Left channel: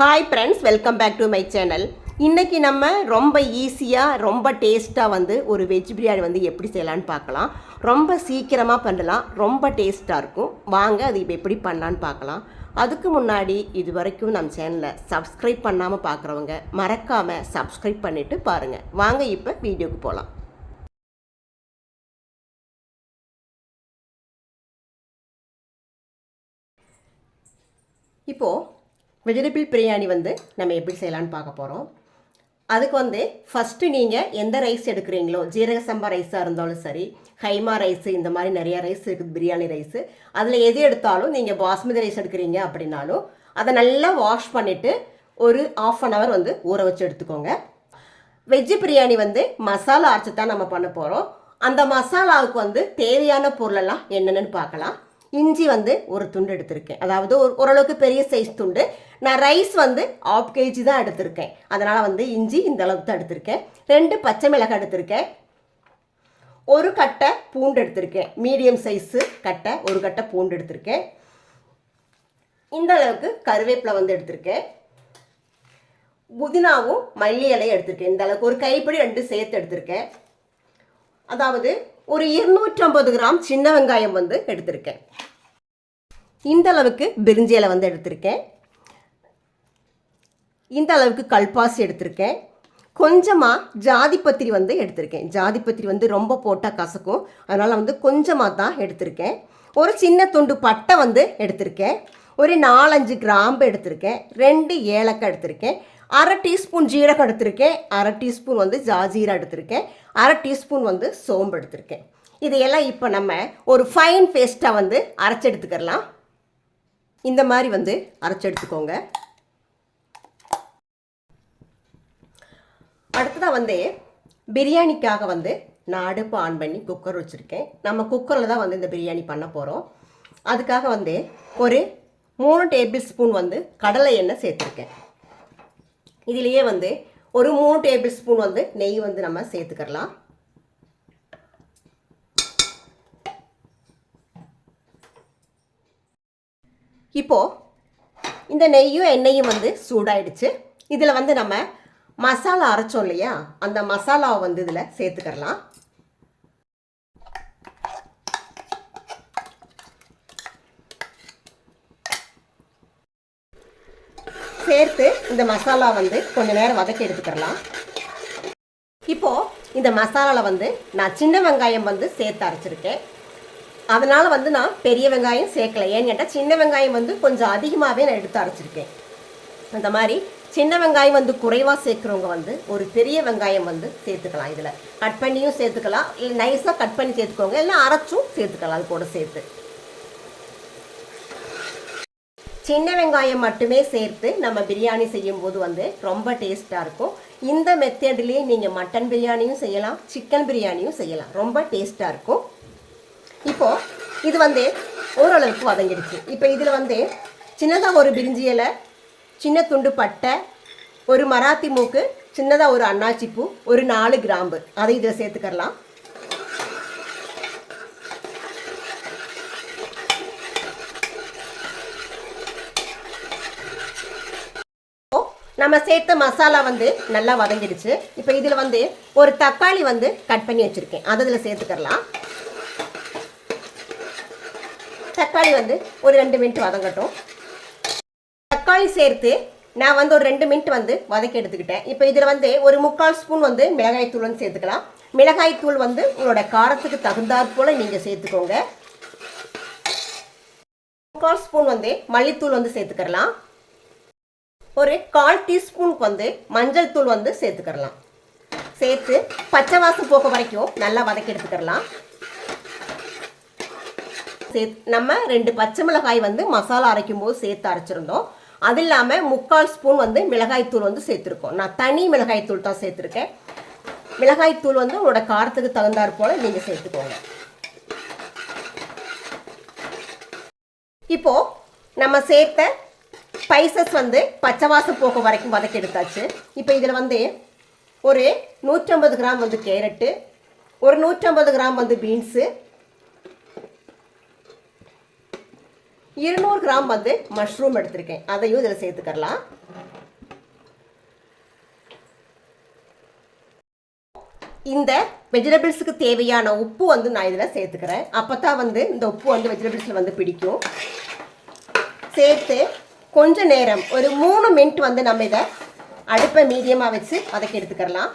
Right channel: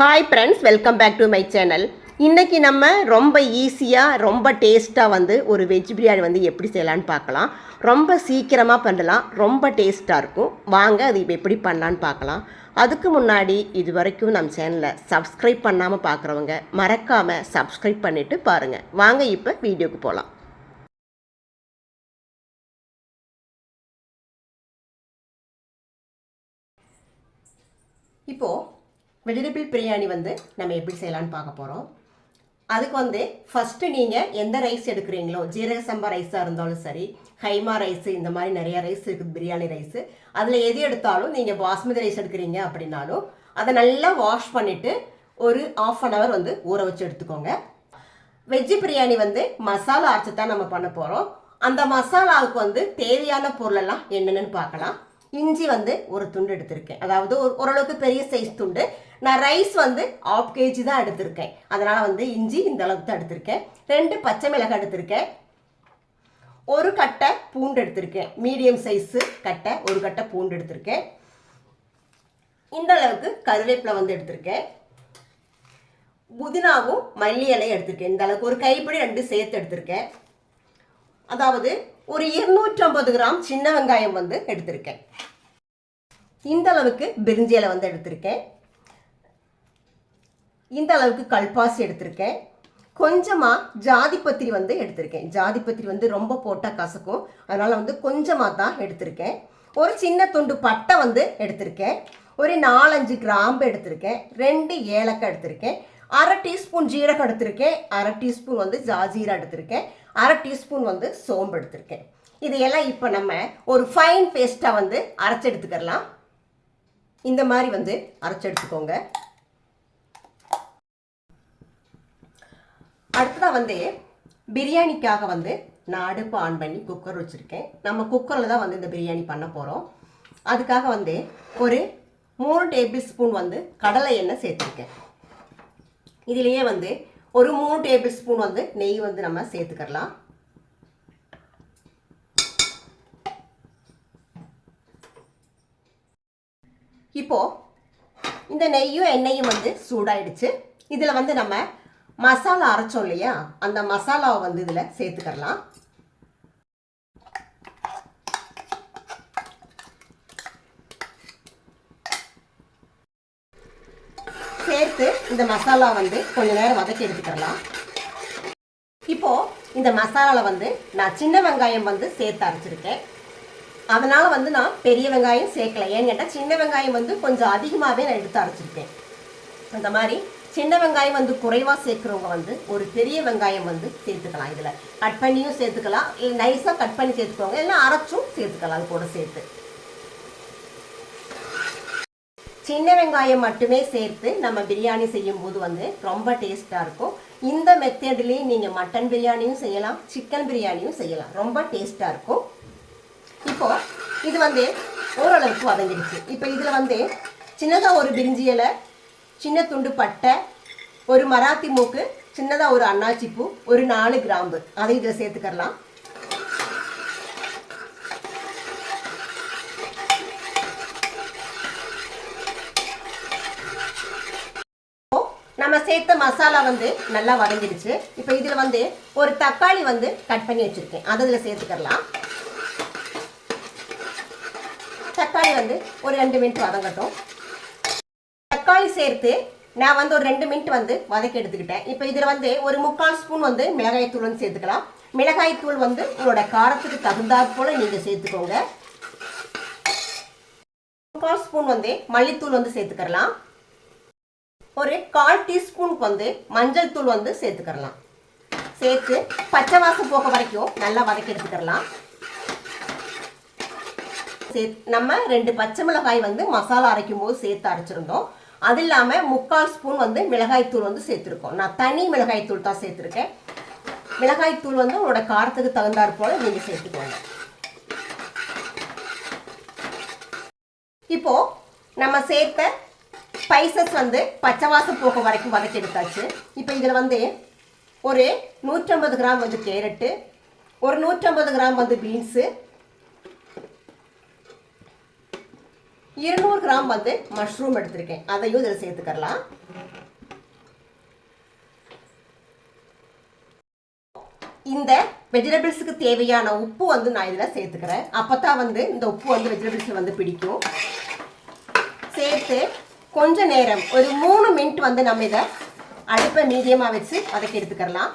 Hi friends, welcome back to my channel. இன்றைக்கி நம்ம ரொம்ப ஈஸியாக ரொம்ப டேஸ்ட்டாக ஒரு வெஜ் பிரியாணி எப்படி செய்யலான்னு பார்க்கலாம். ரொம்ப சீக்கிரமாக பண்ணலாம், ரொம்ப டேஸ்ட்டாக இருக்கும். வாங்க அது இப்போ எப்படி பண்ணலான்னு பார்க்கலாம். அதுக்கு முன்னாடி இது வரைக்கும் நம்ம சேனலை சப்ஸ்கிரைப் பண்ணாமல் பார்க்குறவங்க மறக்காமல் சப்ஸ்கிரைப் பண்ணிவிட்டு பாருங்கள். வாங்க இப்போ வீடியோக்கு போகலாம். இப்போது வெஜிடபிள் பிரியாணி நம்ம எப்படி செய்யலான்னு பார்க்க போகிறோம். அதுக்கு ஃபஸ்ட்டு நீங்கள் எந்த ரைஸ் எடுக்கிறீங்களோ, ஜீரக சம்பா ரைஸாக இருந்தாலும் சரி, கைமா ரைஸு, இந்த மாதிரி நிறையா ரைஸ் இருக்குது, பிரியாணி ரைஸு. அதில் எது எடுத்தாலும் நீங்கள் பாஸ்மதி ரைஸ் எடுக்கிறீங்க அப்படின்னாலும் அதை நல்லா வாஷ் பண்ணிவிட்டு ஒரு ½ அன் ஹவர் ஊற வச்சு எடுத்துக்கோங்க. வெஜ்ஜு பிரியாணி மசாலா அரைச்சி தான் நம்ம பண்ண போகிறோம். அந்த மசாலாவுக்கு தேவையான பொருளெல்லாம் என்னென்னு பார்க்கலாம். இஞ்சி ஒரு துண்டு எடுத்திருக்கேன், அதாவது ஓரளவுக்கு பெரிய சைஸ் துண்டு. நான் ரைஸ் ½ kg தான் எடுத்திருக்கேன், அதனால் இஞ்சி இந்த அளவுக்கு தான் எடுத்திருக்கேன். 2 பச்சை மிளகாய் எடுத்திருக்கேன். ஒரு கட்டை பூண்டு எடுத்திருக்கேன், மீடியம் சைஸு கட்டை. ஒரு கட்டை பூண்டு எடுத்திருக்கேன். இந்த அளவுக்கு கருவேப்பிலை எடுத்திருக்கேன். புதினாவும் மல்லி இலையும் எடுத்திருக்கேன். இந்த அளவுக்கு ஒரு கைப்பிடி 2 சேர்த்து எடுத்திருக்கேன். அதாவது ஒரு 250 கிராம் சின்ன வெங்காயம் எடுத்திருக்கேன். இந்த அளவுக்கு பிரிஞ்சி இலை எடுத்திருக்கேன். இந்த அளவுக்கு கல்பாசி எடுத்திருக்கேன். கொஞ்சமாக ஜாதிப்பத்திரி எடுத்திருக்கேன். ஜாதிப்பத்திரி ரொம்ப போட்டால் கசக்கும், அதனால் கொஞ்சமாக தான் எடுத்திருக்கேன். ஒரு சின்ன துண்டு பட்டை எடுத்திருக்கேன். ஒரு 4-5 கிராம்பு எடுத்திருக்கேன். 2 ஏலக்காய் எடுத்திருக்கேன். 1/2 டீஸ்பூன் ஜீரகம் எடுத்திருக்கேன். 1/2 டீஸ்பூன் ஜாஜீரா எடுத்திருக்கேன். 1/2 டீஸ்பூன் சோம்பு எடுத்திருக்கேன். இதையெல்லாம் இப்போ நம்ம ஒரு ஃபைன் பேஸ்ட்டாக அரைச்சி எடுத்துக்கலாம். இந்த மாதிரி அரைச்சி எடுத்துக்கோங்க. அடுத்ததாக பிரியாணிக்காக நான் அடுப்பு ஆன் பண்ணி குக்கர் வச்சுருக்கேன். நம்ம குக்கரில் தான் இந்த பிரியாணி பண்ண போகிறோம். அதுக்காக ஒரு 3 டேபிள் ஸ்பூன் கடலை எண்ணெய் சேர்த்துருக்கேன். இதுலேயே ஒரு 3 டேபிள் ஸ்பூன் நெய் நம்ம சேர்த்துக்கலாம். இப்போது இந்த நெய்யும் எண்ணெயும் சூடாயிடுச்சு. இதில் நம்ம மசாலா அரைச்சோம் இல்லையா, அந்த மசாலாவை இதில் சேர்த்துக்கலாம். சேர்த்து இந்த மசாலா கொஞ்ச நேரம் வதக்கி எடுத்துக்கலாம். இப்போது இந்த மசாலாவில் நான் சின்ன வெங்காயம் சேர்த்து அரைச்சிருக்கேன். அதனால் நான் பெரிய வெங்காயம் சேர்க்கலை. ஏன்னு கேட்டால் சின்ன வெங்காயம் கொஞ்சம் அதிகமாகவே நான் எடுத்து அரைச்சிருக்கேன். அந்த மாதிரி சின்ன வெங்காயம் குறைவாக சேர்க்குறவங்க ஒரு பெரிய வெங்காயம் சேர்த்துக்கலாம். இதில் கட் பண்ணியும் சேர்த்துக்கலாம், இல்லை நைஸாக கட் பண்ணி சேர்த்துக்கோங்க, இல்லைன்னா அரைச்சும் சேர்த்துக்கலாம். அது கூட சேர்த்து சின்ன வெங்காயம் மட்டுமே சேர்த்து நம்ம பிரியாணி செய்யும்போது ரொம்ப டேஸ்ட்டாக இருக்கும். இந்த மெத்தட்லேயே நீங்கள் மட்டன் பிரியாணியும் செய்யலாம், சிக்கன் பிரியாணியும் செய்யலாம். ரொம்ப டேஸ்ட்டாக இருக்கும். இப்போது இது ஓரளவுக்கு வதங்கிடுச்சு. இப்போ இதில் சின்னதாக ஒரு பிரிஞ்சி இலை, சின்ன துண்டு பட்டை, ஒரு மராத்தி மூக்கு, சின்னதாக ஒரு அன்னாச்சிப்பூ, ஒரு 4 கிராம்பு, அதை இதில் சேர்த்துக்கலாம். நம்ம சேர்த்த மசாலா நல்லா வதங்கிடுச்சு. இப்போ இதில் ஒரு தக்காளி கட் பண்ணி வச்சுருக்கேன், அதை இதில் சேர்த்துக்கலாம். தக்காளி ஒரு 2 மினிட் வதங்கட்டும். தக்காளி சேர்த்து நான் ஒரு 2 மினிட் வதக்கி எடுத்துக்கிட்டேன். இப்போ இதில் ஒரு 3/4 ஸ்பூன் மிளகாய் தூள் சேர்த்துக்கலாம். மிளகாய் தூள் உங்களோட காரத்துக்கு தகுந்தாற் போல் நீங்கள் சேர்த்துக்கோங்க. 3/4 ஸ்பூன் மல்லித்தூள் சேர்த்துக்கலாம். ஒரு 1/4 டீஸ்பூனுக்கு மஞ்சள் தூள் சேர்த்துக்கலாம். சேர்த்து பச்சை வாசம் போக வரைக்கும் நல்லா வதக்கி எடுத்துக்கலாம். நம்ம 2 பச்சை மிளகாய் மசாலா அரைக்கும் போது சேர்த்து அரைச்சிருந்தோம். அது இல்லாமல் 3/4 ஸ்பூன் மிளகாய் தூள் சேர்த்துருக்கோம். நான் தனி மிளகாய் தூள் தான் சேர்த்துருக்கேன். மிளகாய் தூள் உங்களோட காரத்துக்கு தகுந்தாற் போல நீங்கள் சேர்த்துக்கோங்க. இப்போ நம்ம சேர்த்த ஸ்பைசஸ் பச்சை வாசம் போக வரைக்கும் வதக்கி எடுத்தாச்சு. இப்போ இதில் ஒரு 150 கிராம் கேரட்டு, ஒரு 150 கிராம் பீன்ஸு, 200 கிராம் வந்து மஷ்ரூம் எடுத்திருக்கேன், அதையும் இதில் சேர்த்துக்கலாம். இந்த வெஜிடபிள்ஸுக்கு தேவையான உப்பு வந்து நான் இதில் சேர்த்துக்கிறேன். அப்போ தான் வந்து இந்த உப்பு வந்து வெஜிடபிள்ஸில் வந்து பிடிக்கும். சேர்த்து கொஞ்ச நேரம் ஒரு 3 மினிட் வந்து நம்ம இதை அடுப்பை மீடியமாக வச்சு வதக்கி எடுத்துக்கலாம்.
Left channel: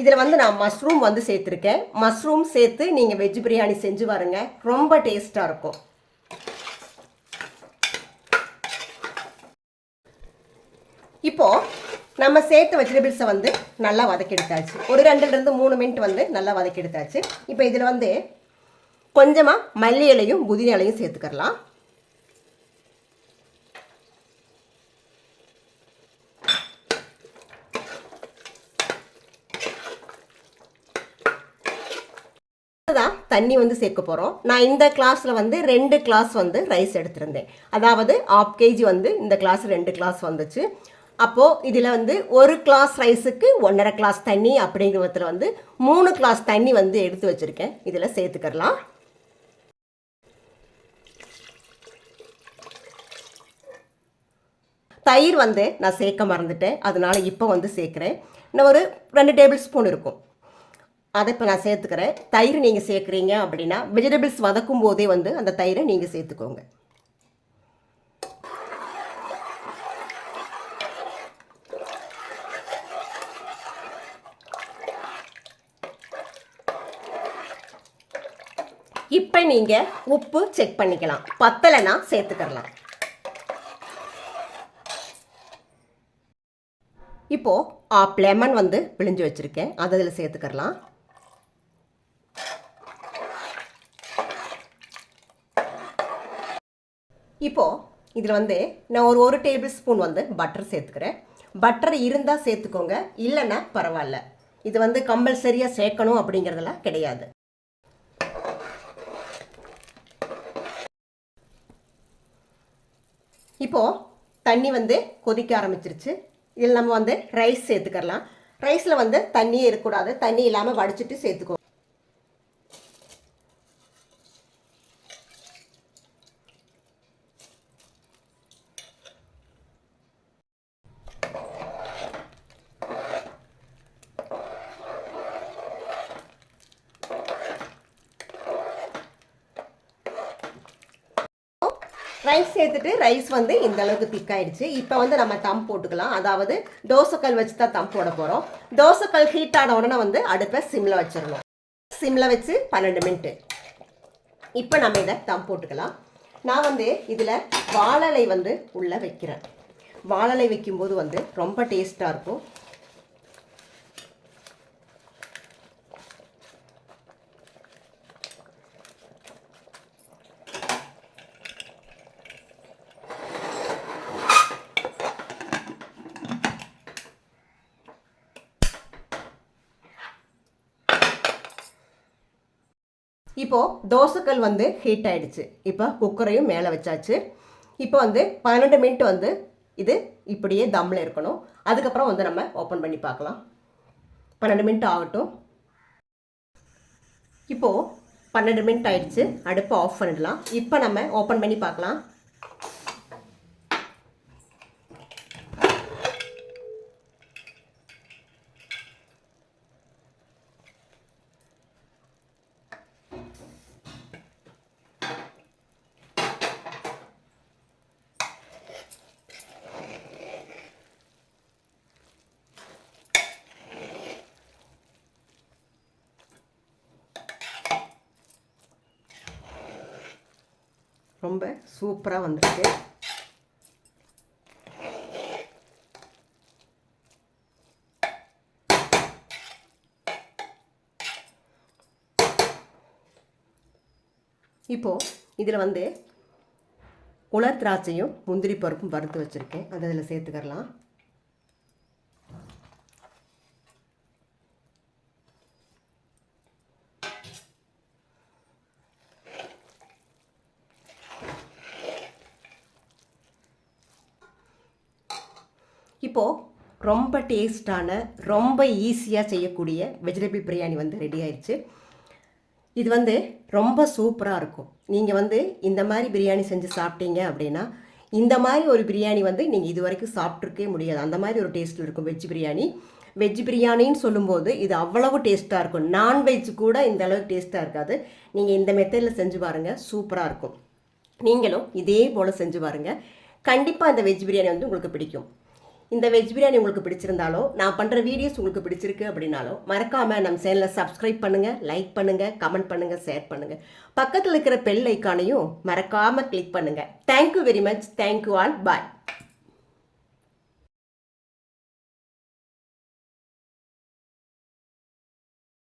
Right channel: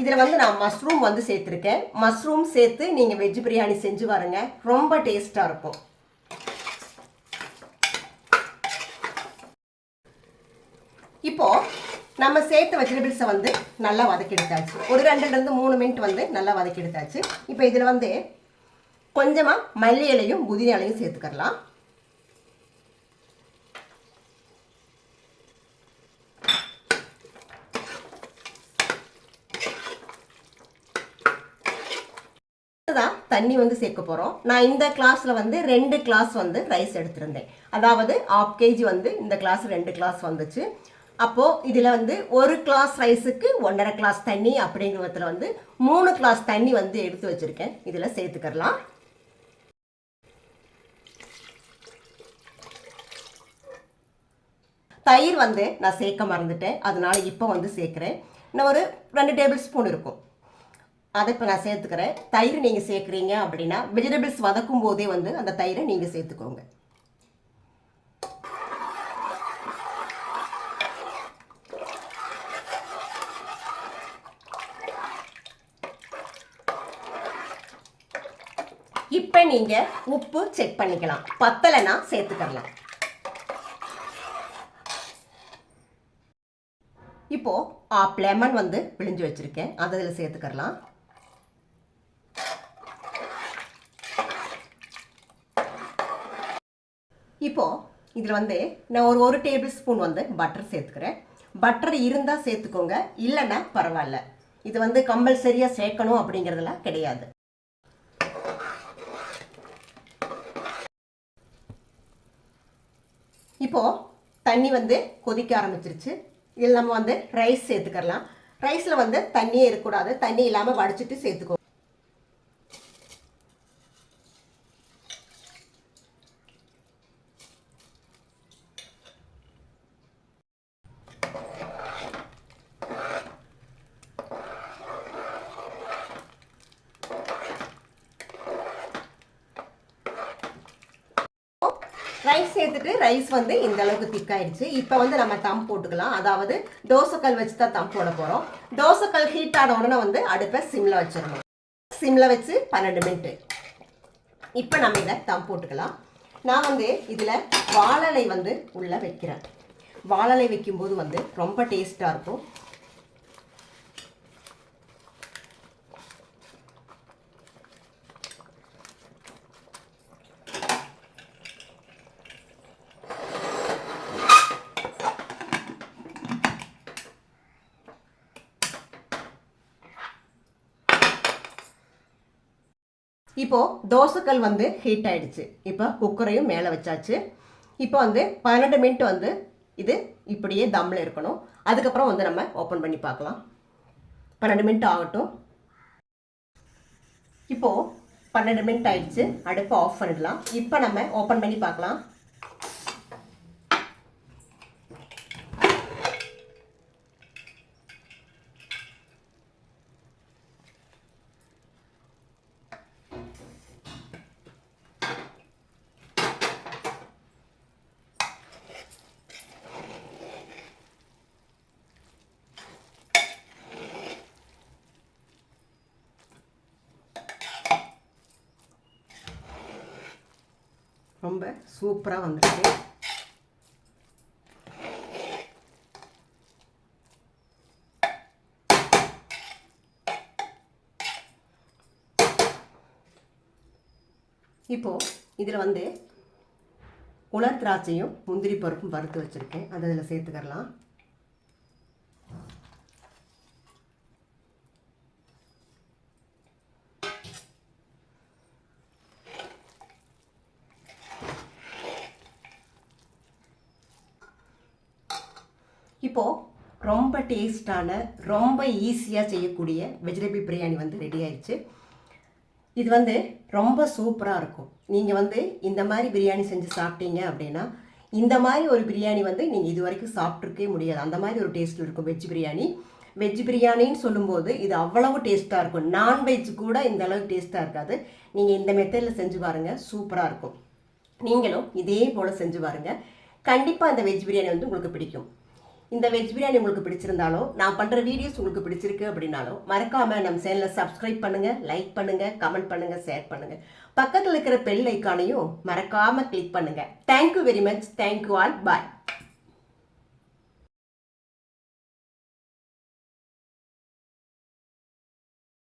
இதில் வந்து நான் மஷ்ரூம் வந்து சேர்த்துருக்கேன். மஷ்ரூம் சேர்த்து நீங்கள் வெஜ் பிரியாணி செஞ்சு பாருங்க, ரொம்ப டேஸ்ட்டாக இருக்கும். இப்போ நம்ம சேர்த்த வெஜிடபிள்ஸை வந்து நல்லா வதக்கி எடுத்தாச்சு. ஒரு 2லேருந்து 3 மினிட் வந்து நல்லா வதக்கி எடுத்தாச்சு. இப்போ இதில் வந்து கொஞ்சமாக மல்லி இலையும் புதினா இலையும் சேர்த்துக்கலாம். தண்ணி வந்து சேர்க்க போகிறோம். நான் இந்த கிளாஸில் வந்து 2 கிளாஸ் வந்து ரைஸ் எடுத்திருந்தேன். அதாவது 1/2 kg வந்து இந்த கிளாஸ் 2 கிளாஸ் வந்துச்சு. அப்போது இதில் வந்து 1 கிளாஸ் ரைஸுக்கு 1.5 கிளாஸ் தண்ணி அப்படிங்கிற விதத்தில் வந்து 3 கிளாஸ் தண்ணி வந்து எடுத்து வச்சுருக்கேன். இதில் சேர்த்துக்கலாம். தயிர் வந்து நான் சேர்க்க மறந்துட்டேன், அதனால இப்போ வந்து சேர்க்குறேன். இன்னும் ஒரு 2 டேபிள் ஸ்பூன் இருக்கும், அதை இப்போ நான் சேர்த்துக்கிறேன். தயிர் நீங்கள் சேர்க்குறீங்க அப்படின்னா வெஜிடபிள்ஸ் வதக்கும் போதே வந்து அந்த தயிரை நீங்கள் சேர்த்துக்கோங்க. இப்போ நீங்கள் உப்பு செக் பண்ணிக்கலாம், பத்தலைன்னா சேர்த்துக்கலாம். இப்போ 1/2 லெமன் வந்து பிழிஞ்சு வச்சுருக்கேன், அதை அதில் சேர்த்துக்கலாம். இப்போ இதில் வந்து நான் ஒரு டேபிள் ஸ்பூன் வந்து பட்டர் சேர்த்துக்கிறேன். பட்டர் இருந்தால் சேர்த்துக்கோங்க, இல்லைன்னா பரவாயில்ல. இது வந்து கம்பல்சரியாக சேர்க்கணும் அப்படிங்கிறதெல்லாம் கிடையாது. இப்போ தண்ணி வந்து கொதிக்க ஆரம்பிச்சிருச்சு. இதில் நம்ம வந்து ரைஸ் சேர்த்துக்கலாம். ரைஸில் வந்து தண்ணியே இருக்கக்கூடாது, தண்ணி இல்லாமல் வடிச்சிட்டு சேர்த்துக்கோ. ரைஸ் சேர்த்துட்டு ரைஸ் வந்து இந்த அளவுக்கு திக்காயிடுச்சு. இப்போ வந்து நம்ம தம் போட்டுக்கலாம். அதாவது தோசைக்கல் வச்சு தான் தம் போட போகிறோம். தோசைக்கல் ஹீட் ஆன உடனே வந்து அடுப்பை சிம்மில் வச்சிடணும். சிம்மில் வச்சு 12 மினிட்டு. இப்போ நம்ம இதை தம் போட்டுக்கலாம். நான் வந்து இதில் வாழலை வந்து உள்ளே வைக்கிறேன். வாழலை வைக்கும்போது வந்து ரொம்ப டேஸ்ட்டாக இருக்கும். இப்போ தோசைக்கல் வந்து ஹீட் ஆயிடுச்சு. இப்போ குக்கரையும் மேலே வச்சாச்சு. இப்போ வந்து 12 மினிட் வந்து இது இப்படியே தம்மில் இருக்கணும். அதுக்கப்புறம் வந்து நம்ம ஓப்பன் பண்ணி பார்க்கலாம். 12 மினிட் ஆகட்டும். இப்போது 12 மினிட் ஆயிடுச்சு, அடுப்பை ஆஃப் பண்ணிடலாம். இப்போ நம்ம ஓப்பன் பண்ணி பார்க்கலாம். ரொம்ப சூப்பராக வந்துருக்கு. இப்போது இதில் வந்து உலர் திராட்சையும் முந்திரி பருப்பும் வறுத்து வச்சுருக்கேன், அதை அதில் சேர்த்துக்கலாம். இப்போது ரொம்ப டேஸ்டான ரொம்ப ஈஸியாக செய்யக்கூடிய வெஜிடபிள் பிரியாணி வந்து ரெடி ஆயிடுச்சு. இது வந்து ரொம்ப சூப்பராக இருக்கும். நீங்கள் வந்து இந்த மாதிரி பிரியாணி செஞ்சு சாப்பிட்டீங்க அப்படின்னா இந்த மாதிரி ஒரு பிரியாணி வந்து நீங்கள் இது வரைக்கும் சாப்பிட்ருக்கே முடியாது. அந்த மாதிரி ஒரு டேஸ்ட்டில் இருக்கும் வெஜ் பிரியாணி. வெஜ் பிரியாணின்னு சொல்லும்போது இது அவ்வளவு டேஸ்ட்டாக இருக்கும். நான்வெஜ் கூட இந்த அளவுக்கு டேஸ்ட்டாக இருக்காது. நீங்கள் இந்த மெத்தடில் செஞ்சு பாருங்கள், சூப்பராக இருக்கும். நீங்களும் இதே போல் செஞ்சு பாருங்கள். கண்டிப்பாக இந்த வெஜ் பிரியாணி வந்து உங்களுக்கு பிடிக்கும். இந்த வெஜ் பிரியாணி உங்களுக்கு பிடிச்சிருந்தாலும், நான் பண்ணுற வீடியோஸ் உங்களுக்கு பிடிச்சிருக்கு அப்படின்னாலும் மறக்காமல் நம்ம சேனலை சப்ஸ்கிரைப் பண்ணுங்கள், லைக் பண்ணுங்கள், கமெண்ட் பண்ணுங்கள், ஷேர் பண்ணுங்கள். பக்கத்தில் இருக்கிற பெல் ஐக்கானையும் மறக்காமல் கிளிக் பண்ணுங்கள். Thank you very much. Thank you all. பாய்.